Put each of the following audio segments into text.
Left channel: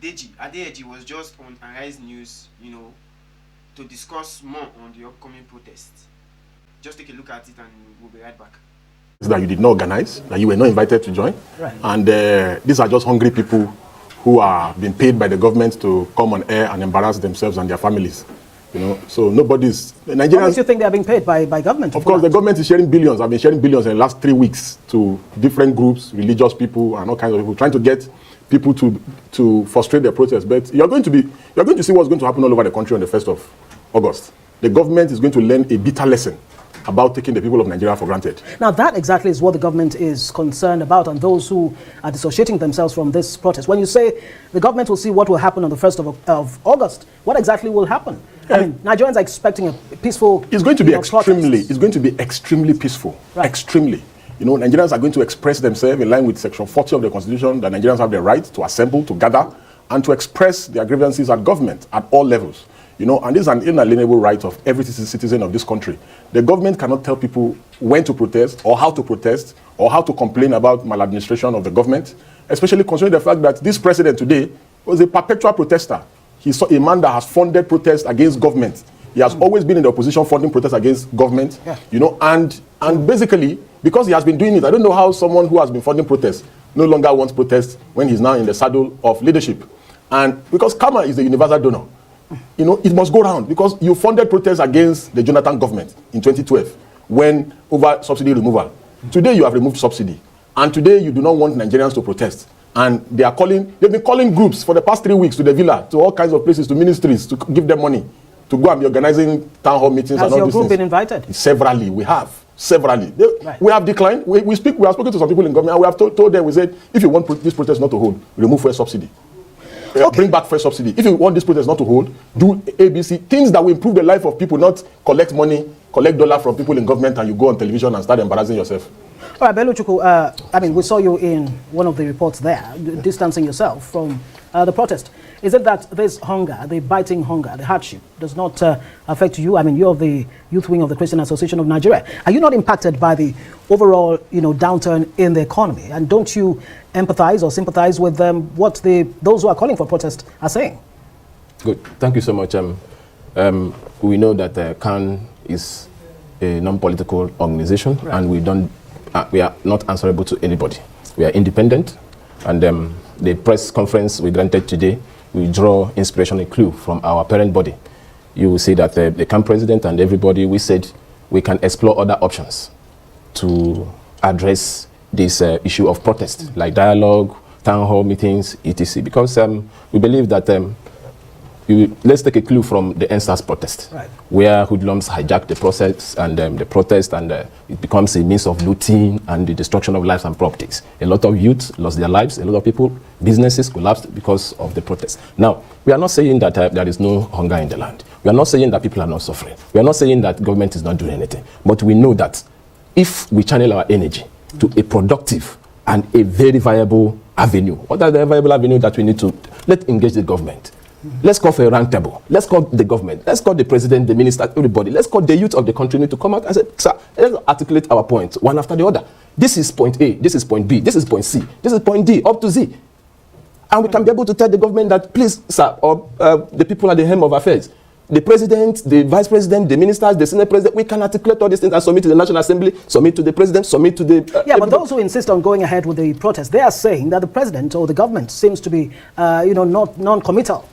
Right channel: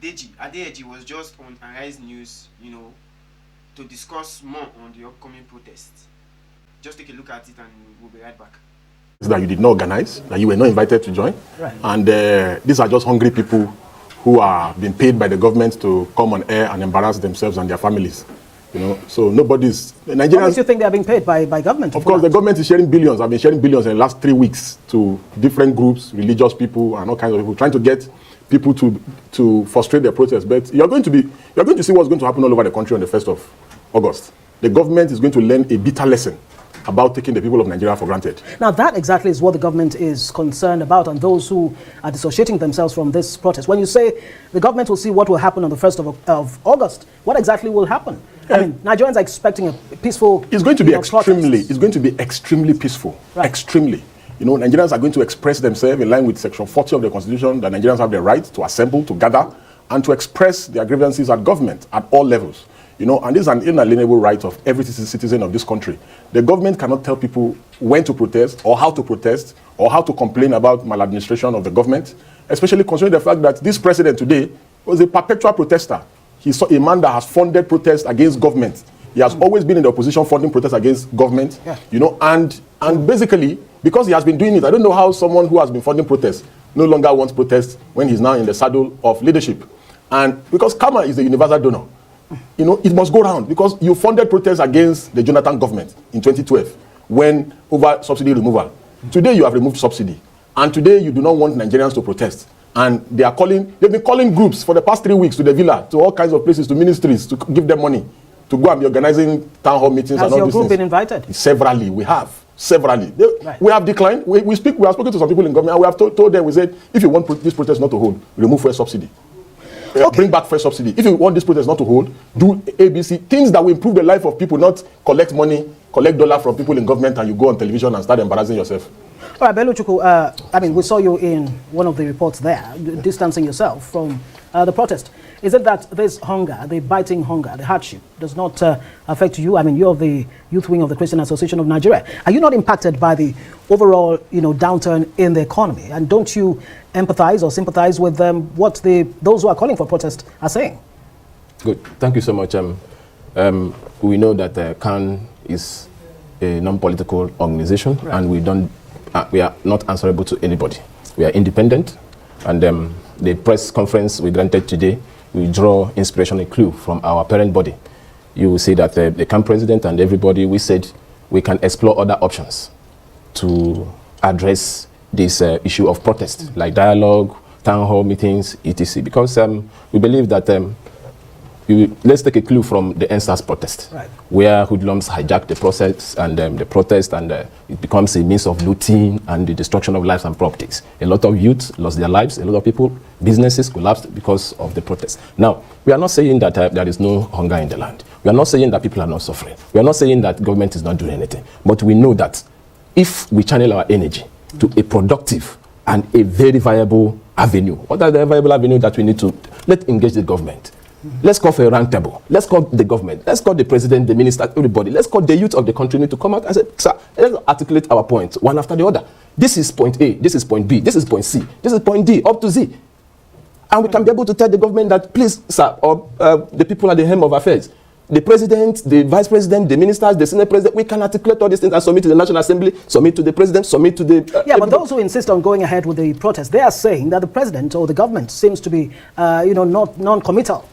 Deji Adeyeji was just on Arise News, to discuss more on the upcoming protest. Just take a look at it and we'll be right back. That you did not organize, that you were not invited to join. Right. And these are just hungry people who are being paid by the government to come on air and embarrass themselves and their families. So nobody's... Nigerians... What makes you think they are being paid by government? Of course, the government is sharing billions. I've been sharing billions in the last 3 weeks to different groups, religious people and all kinds of people, trying to get people to frustrate their protest. But you're going to see what's going to happen all over the country on the 1st of August. The government is going to learn a bitter lesson about taking the people of Nigeria for granted. Now, that exactly is what the government is concerned about, and those who are dissociating themselves from this protest. When you say the government will see what will happen on the 1st of August, what exactly will happen? I mean, Nigerians are expecting a peaceful... It's going to be protest. It's going to be extremely peaceful. Right. Extremely. Nigerians are going to express themselves in line with Section 40 of the Constitution, that Nigerians have the right to assemble, to gather, and to express their grievances at government at all levels. And this is an inalienable right of every citizen of this country. The government cannot tell people when to protest, or how to complain about maladministration of the government, especially considering the fact that this president today was a perpetual protester. He saw a man that has funded protests against government. He has always been in the opposition funding protests against government, and basically, because he has been doing it, I don't know how someone who has been funding protests no longer wants protests when he's now in the saddle of leadership. And because karma is the universal donor. It must go round, because you funded protests against the Jonathan government in 2012 when over subsidy removal. Today you have removed subsidy, and today you do not want Nigerians to protest. And they've been calling groups for the past 3 weeks to the villa, to all kinds of places, to ministries, to give them money, to go and be organizing town hall meetings. Has and all your these group things. been invited? Severally, we have. Severally. Right. We have declined. We have spoken to some people in government, and we have told them, we said, if you want this protest not to hold, remove fuel subsidy. Bring back fuel subsidy. If you want this protest not to hold, do ABC, things that will improve the life of people, not collect money, collect dollar from people in government, and you go on television and start embarrassing yourself. All right, Beluchuku, we saw you in one of the reports there, distancing yourself from the protest. Is it that this hunger, the biting hunger, the hardship, does not affect you? You're of the youth wing of the Christian Association of Nigeria. Are you not impacted by the overall, downturn in the economy? And don't you empathize or sympathize with what those who are calling for protest are saying? Good. Thank you so much, we know that CAN is a non-political organization, and we are not answerable to anybody. We are independent, and the press conference we granted today, we draw inspiration and clue from our parent body. You will see that the CAN president and everybody, we said we can explore other options to address this issue of protest, like dialogue, town hall meetings, etc. Because we believe that let's take a clue from the NSAS protest, right, where hoodlums hijack the process and the protest, and it becomes a means of looting and the destruction of lives and properties. A lot of youth lost their lives. A lot of people, businesses collapsed because of the protest. Now, we are not saying that there is no hunger in the land. We are not saying that people are not suffering. We are not saying that government is not doing anything. But we know that if we channel our energy to a productive and a very viable avenue, what are the viable avenues that we need to? Let's engage the government. Let's call for a round table. Let's call the government. Let's call the president, the minister, everybody. Let's call the youth of the country to come out and say, sir, let's articulate our points one after the other. This is point A, this is point B, this is point C, this is point D, up to Z. And we can be able to tell the government that, please, sir, or the people at the helm of affairs, the president, the vice president, the ministers, the senate president, we can articulate all these things and submit to the National Assembly, submit to the president, submit to the... but those who insist on going ahead with the protest, they are saying that the president or the government seems to be, not non-committal.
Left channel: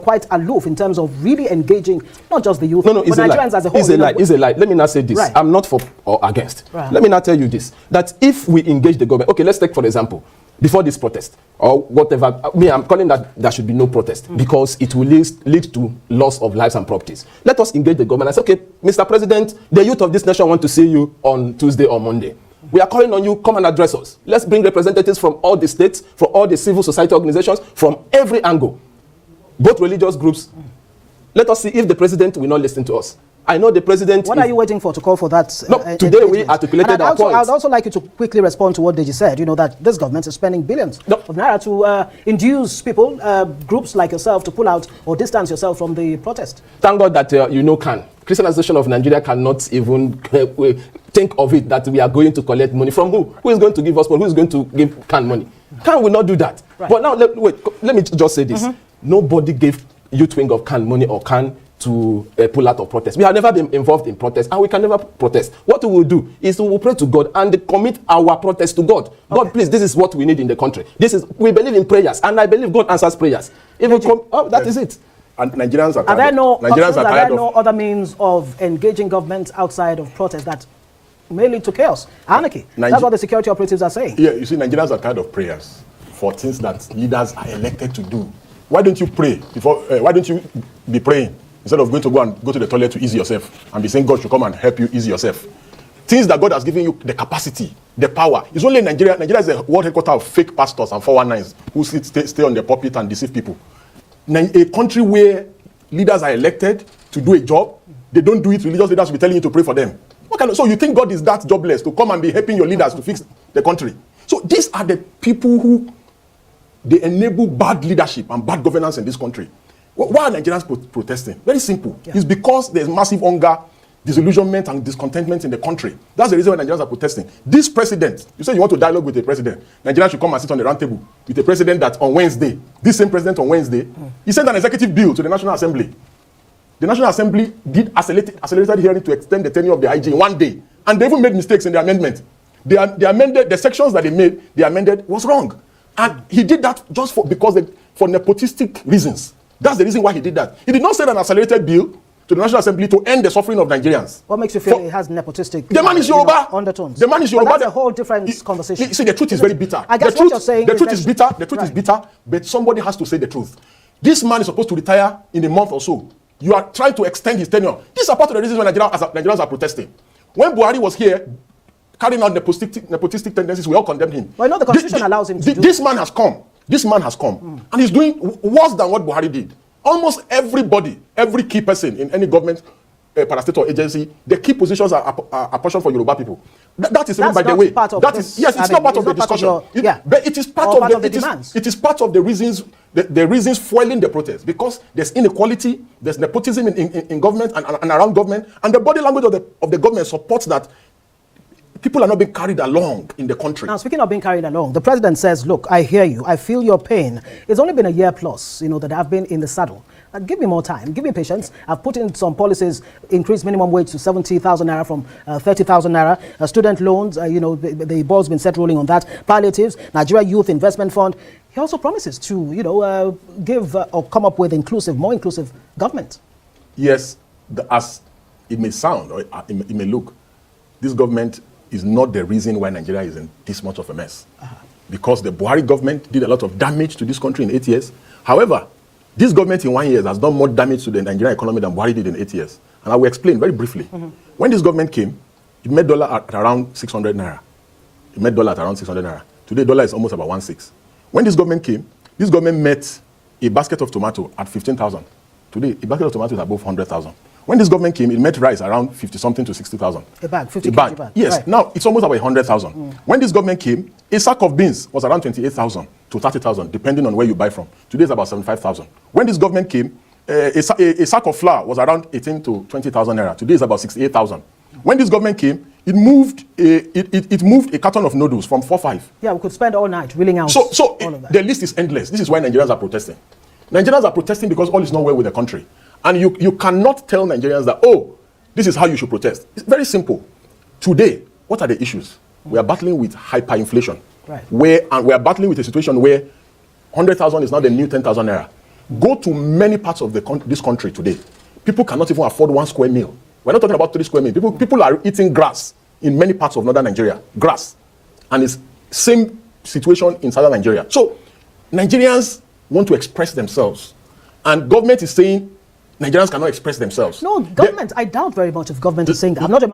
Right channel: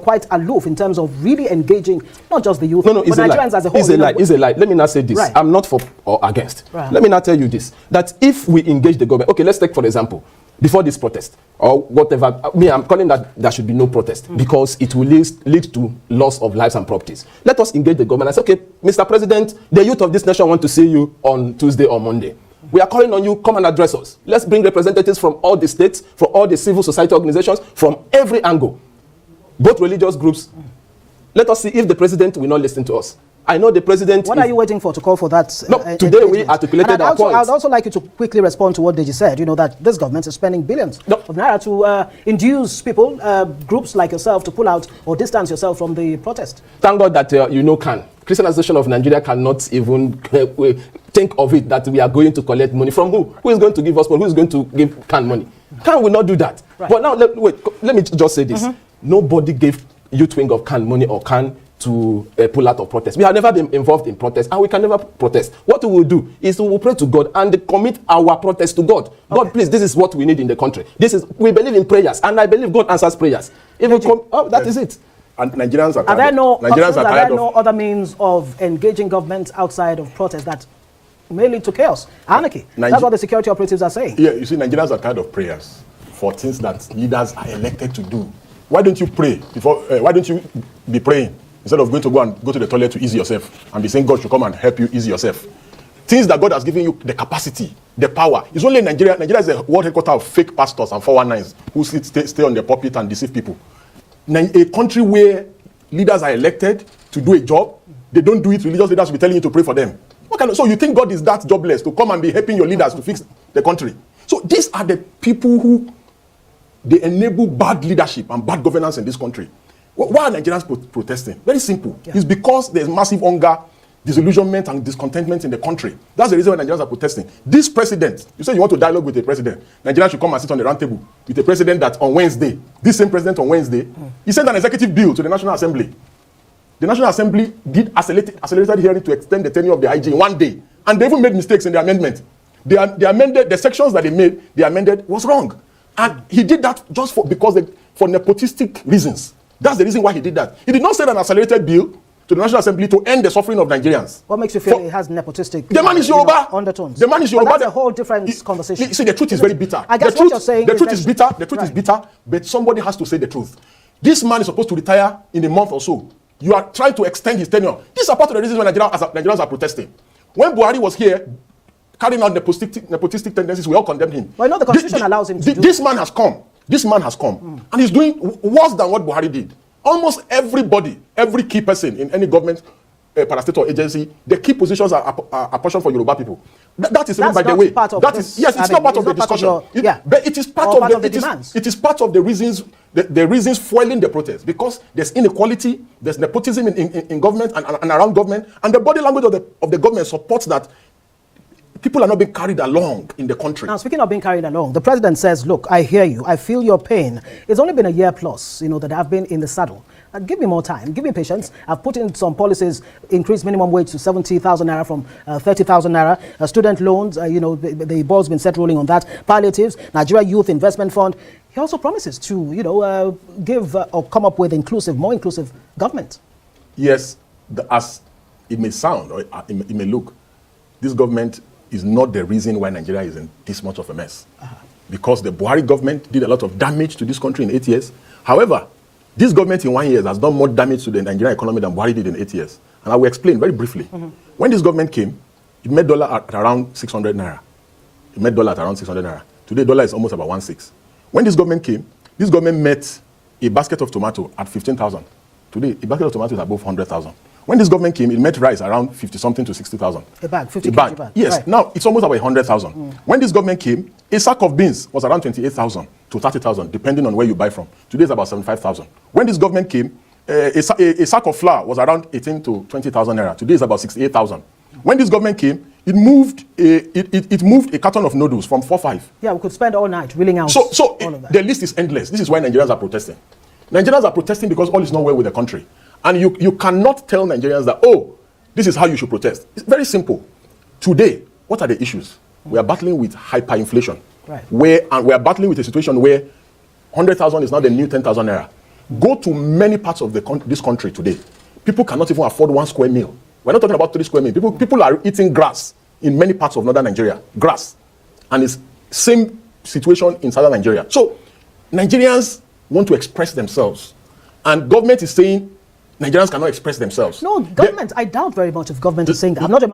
Quite aloof in terms of really engaging not just the youth, but Nigerians as a whole. It's a lie. Let me not say this. Right. I'm not for or against. Right. Let me not tell you this. That if we engage the government, okay, let's take for example, before this protest or whatever, I'm calling that there should be no protest because it will lead to loss of lives and properties. Let us engage the government and say, okay, Mr. President, the youth of this nation want to see you on Tuesday or Monday. We are calling on you, come and address us. Let's bring representatives from all the states, from all the civil society organizations, from every angle. Both religious groups. Let us see if the president will not listen to us. I know the president... What are you waiting for to call for that? No, today we articulated our points. I'd also like you to quickly respond to what Deji said, that this government is spending billions of naira to induce people, groups like yourself, to pull out or distance yourself from the protest. Thank God that CAN, Christian Association of Nigeria, cannot even think of it that we are going to collect money from who? Who is going to give us money? Who is going to give CAN money? Can we not do that? Right. But now, let me just say this. Nobody gave youth wing of Can money or Can to pull out of protest. We have never been involved in protest, and we can never protest. What we will do is we will pray to God and commit our protest to God. God, please, this is what we need in the country. We believe in prayers, and I believe God answers prayers. If we come, that is it. And Nigerians are Are there no tired other means of engaging government outside of protest that may lead to chaos, anarchy? That's what the security operatives are saying. Yeah, you see, Nigerians are tired of prayers for things that leaders are elected to do. Why don't you pray before? Why don't you be praying instead of going to the toilet to ease yourself and be saying God should come and help you ease yourself? Things that God has given you the capacity, the power. It's only Nigeria. Nigeria is the world headquarters of fake pastors and 419s who stay on the pulpit and deceive people. A country where leaders are elected to do a job, they don't do it. Religious leaders will be telling you to pray for them. So you think God is that jobless to come and be helping your leaders to fix the country? So these are the people who they enable bad leadership and bad governance in this country. Why are Nigerians protesting? Very simple. Yeah. It's because there's massive hunger, disillusionment, and discontentment in the country. That's the reason why Nigerians are protesting. This president, you say you want to dialogue with the president. Nigeria should come and sit on the round table with the president that on Wednesday, this same president on Wednesday, he sent an executive bill to the National Assembly. The National Assembly did accelerated hearing to extend the tenure of the IG in 1 day. And they even made mistakes in the amendment. They amended, the sections that they amended was wrong. And he did that just for nepotistic reasons. That's the reason why he did that. He did not send an accelerated bill to the National Assembly to end the suffering of Nigerians. What makes you feel it has nepotistic the man is Yoruba. Undertones? The man is Yoruba. But that's a whole different conversation. See, the truth is very bitter. I guess what you're saying the truth is bitter. The truth is bitter, but somebody has to say the truth. This man is supposed to retire in a month or so. You are trying to extend his tenure. These are part of the reasons why Nigerians are protesting. When Buhari was here, carrying out the nepotistic tendencies, we all condemn him. Well, no, the Constitution allows him to do. This man has come. This man has come. And he's doing worse than what Buhari did. Almost everybody, every key person in any government, parastatal agency, the key positions are apportioned for Yoruba people. That is by the way. It's not part of the discussion. It is part of the demands. It is part of the reasons, the reasons fueling the protest, because there's inequality, there's nepotism in government and around government, and the body language of the government supports that people are not being carried along in the country. Speaking of being carried along, the president says, look, I hear you, I feel your pain. It's only been a year plus, that I've been in the saddle. Give me more time, give me patience. I've put in some policies, increase minimum wage to 70,000 naira from 30,000 naira. Student loans, the ball's been set rolling on that. Palliatives, Nigeria Youth Investment Fund. He also promises to, give or come up with more inclusive government. Yes, as it may sound or it may look, this government is not the reason why Nigeria is in this much of a mess. Because the Buhari government did a lot of damage to this country in 8 years. However, this government in 1 year has done more damage to the Nigerian economy than Buhari did in 8 years. And I will explain very briefly. When this government came, it made dollar at around 600 naira. Today, dollar is almost about 1.6. When this government came, this government met a basket of tomato at 15,000. Today, a basket of tomato is above 100,000. When this government came, it met rice around 50-something to 60,000. A bag, 50 bag. bag. Yes. Right. Now, it's almost about 100,000. When this government came, a sack of beans was around 28,000 to 30,000, depending on where you buy from. Today, it's about 75,000. When this government came, a sack of flour was around 18 to 20,000 naira. Today, it's about 68,000. When this government came, it moved a carton of noodles from 4.5. Yeah, we could spend all night wheeling out. So the list is endless. This is why Nigerians are protesting. Nigerians are protesting because all is not well with the country. And you cannot tell Nigerians that, this is how you should protest. It's very simple. Today, what are the issues? We are battling with hyperinflation. Right. And we are battling with a situation where 100,000 is now the new 10,000 naira. Go to many parts of this country today. People cannot even afford 1 square meal. We're not talking about 3 square meals. People are eating grass in many parts of northern Nigeria. Grass. And it's same situation in southern Nigeria. So Nigerians want to express themselves. And government is saying Nigerians cannot express themselves. No, government, I doubt very much if government is saying that. I'm not a